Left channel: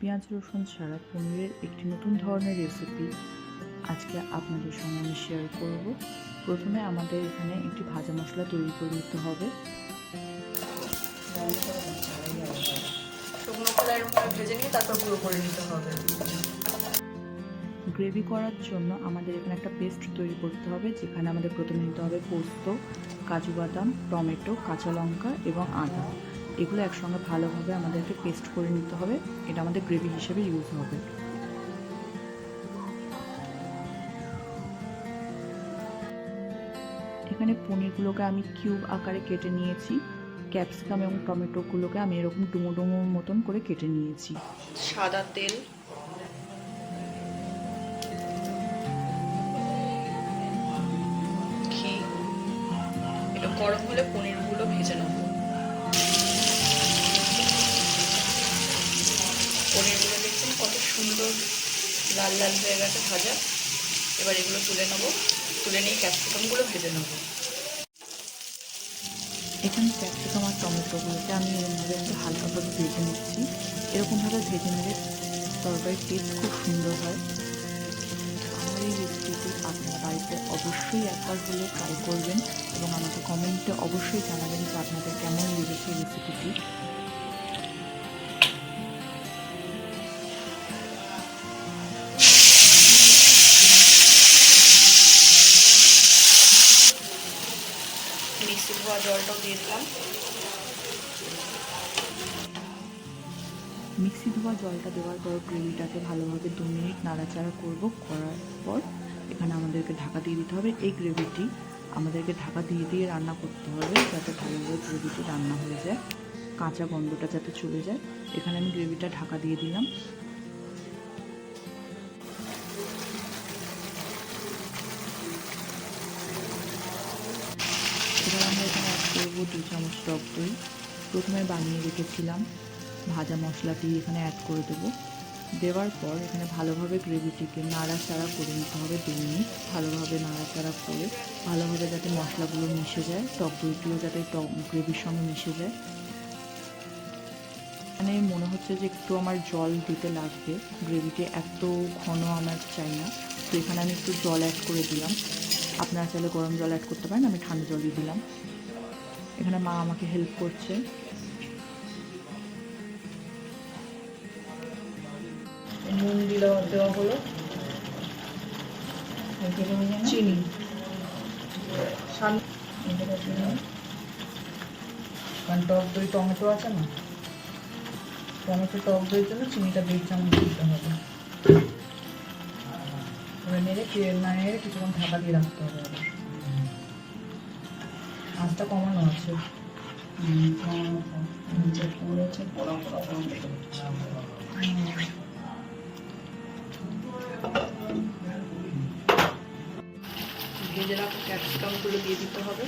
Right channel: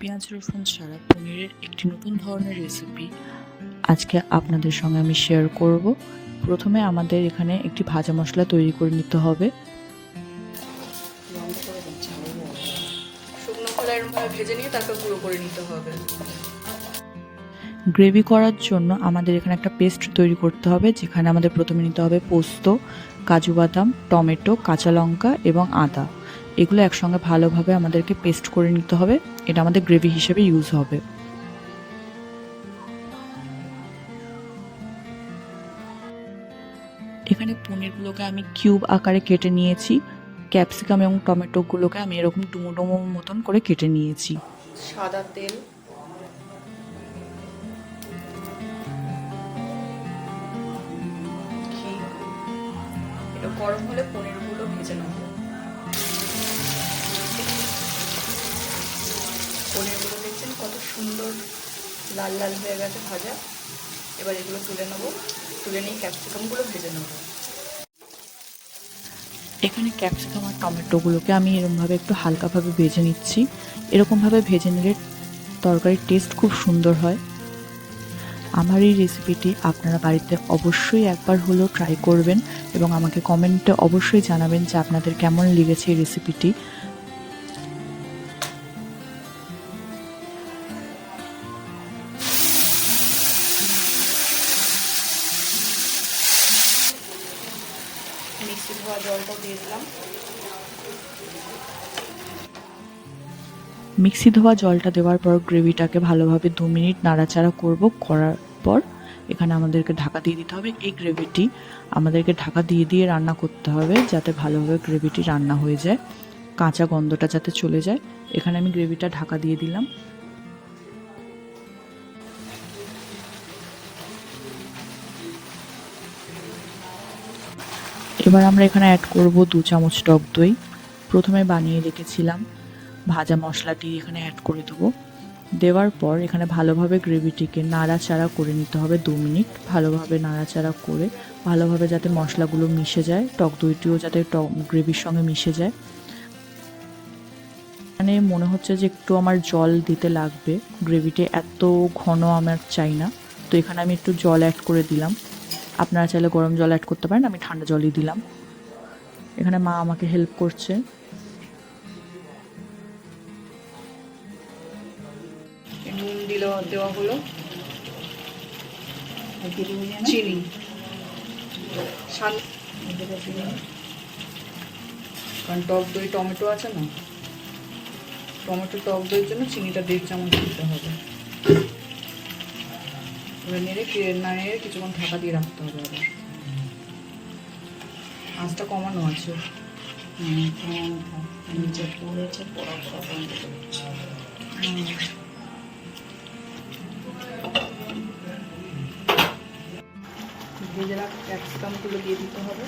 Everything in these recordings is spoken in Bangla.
পেঁয়াজ রসুন ছাড়া পনিরের একটি নতুন ধরনের রেসিপি আজকে আপনাদের সঙ্গে আমি শেয়ার করব। প্রথমে আমাদের এখানে একটি ভাজা মশলা তৈরি করে নিতে হবে। ভেজে নিয়ে তারপর গুঁড়ো করে নিতে হবে। গ্রেভি করার জন্য আমাদের এখানে একটা পেস্ট তৈরি করতে হবে, যেখানে আমাদের প্রথমে নিতে হবে পোস্ত, কাজু বাদাম, টমেটো, কাঁচা লঙ্কা এবং আদা। এগুলো একসঙ্গে ভালোভাবে আমাদেরকে পেস্ট করে নিতে হবে। এটা আমাদের গ্রেভি হিসেবে ইউজ হবে। এখানে পনিরগুলোকে আমি কিউব আকারে কেটে নিয়েছি। ক্যাপসিকাম এবং টমেটোগুলোকে আমি এরকম ডুমো ডুমো মতন করে কেটে নিয়েছি। সাদা তেল, ঘি, এটা গরম হলে পনিরগুলো ভেজে নেব। পনিরগুলো দেখছেন কত সুন্দর লাল লাল হয়ে গেছে ভাজা। এবার এগুলো তুলে নেব, তুলে নিয়ে ক্যাপসিকামগুলো ভেজে নেব। এখানে ক্যাপসিকাম আর টমেটোগুলোকে আমি এরকমভাবে একটু হালকাভাবে ভেজে নিচ্ছি। এরকমভাবে ভেজে নিলে তরকারির টেস্ট খুব সুন্দর হয়। আমার এই রেসিপিটি আপনারা বাড়িতে অবশ্যই একবার হলেও ট্রাই করবেন এবং আমাকে কমেন্টে অবশ্যই জানাবেন যে আপনাদের কেমন লেগেছে এই রেসিপিটি। মিক্সি ধোয়া জলটাও দিয়ে দিলাম। মিক্সি ধোয়া জলটা দেওয়ার পর গ্রেভিটাকে ভালোভাবে 2 মিনিট নাড়াচাড়া করার পর এখানে আমাদেরকে ঢাকা দিয়ে দিতে হবে। এই গ্রেভিটি আমাদেরকে ঢাকা দিয়ে দিয়ে রান্না করতে হবে, যাতে ভালোভাবে গ্রেভিটি রান্না হয়ে যায়, কাঁচা গন্ধটা যাতে চলে যায়। এখানে আমি গ্রেভিটা ঢাকা দিয়ে দিলাম। এবার আমরা এখানে অ্যাড করব 2 চামচ টক দই। প্রথমে বানিয়ে রেখেছিলাম ভাজা মশলাটি এখানে অ্যাড করে দেবো। দেওয়ার পর এখানে ভালোভাবে গ্রেভিটিকে নাড়াচাড়া করে নিতে হবে 2 মিনিট। ভালোভাবে নাড়াচাড়া করে ভালোভাবে যাতে মশলাগুলো মিশে যায়, টক দইটিও যাতে গ্রেভির সঙ্গে মিশে যায়। মানে মনে হচ্ছে যে একটু আমার জল দিতে লাগবে, গ্রেভিটি এত ঘন আমার চাই না, তো এখানে আমি একটু জল অ্যাড করে দিলাম। আপনারা চাইলে গরম জল অ্যাড করতে পারেন, আমি ঠান্ডা জলই দিলাম। এখানে মা আমাকে হেল্প করছে। নুন দেওয়া হলো, চিনি, কারণ টক দই টমেটো আছে না, টমেটো টক দইয়ের জন্য চিনিটা 1.5 চামচ দিতে হবে। এবার নেড়ে কিছুক্ষণ ঢাকা দিয়ে রাখতে হবে। আবার আঁচটা কমানো আছে। ভেজে রাখা ক্যাপসিকামগুলো দিয়ে দিতে হবে।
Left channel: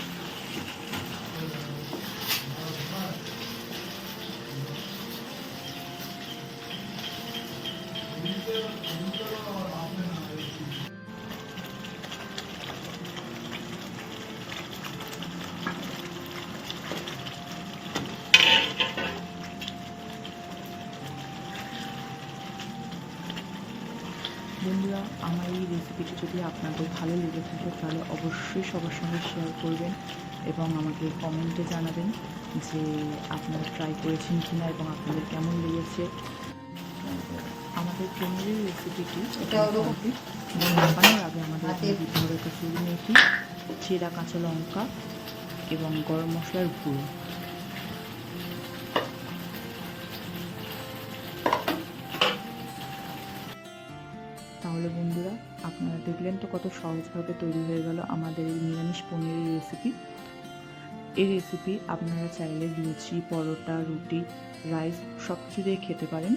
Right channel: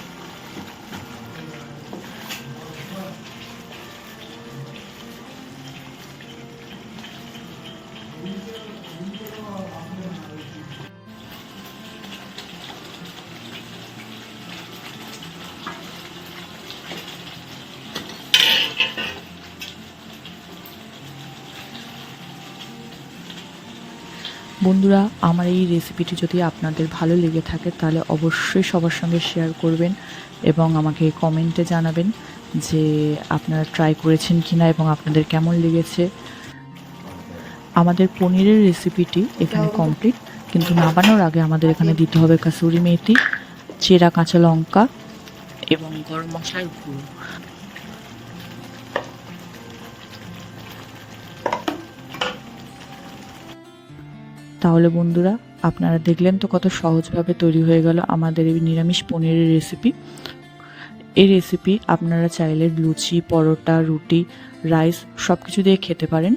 বন্ধুরা, আমার এই রেসিপিটি যদি আপনাদের ভালো লেগে থাকে তাহলে অবশ্যই সবার সঙ্গে শেয়ার করবেন এবং আমাকে কমেন্টে জানাবেন যে আপনারা ট্রাই করেছেন কিনা এবং আপনাদের কেমন লেগেছে। আমাদের পনিরের রেসিপিটি এখানে কমপ্লিট, কিন্তু নামানোর আগে আমাদের এখানে দিতে হবে কাসুরি মেথি, চেরা কাঁচা লঙ্কা এবং গরম মশলার গুঁড়ো। তাহলে বন্ধুরা, আপনারা দেখলেন তো কত সহজভাবে তৈরি হয়ে গেল আমাদের এই নিরামিষ পনিরের রেসিপি। এই রেসিপি আপনারা চাইলে লুচি, পরোটা, রুটি, রাইস সব কিছু দিয়ে খেতে পারেন।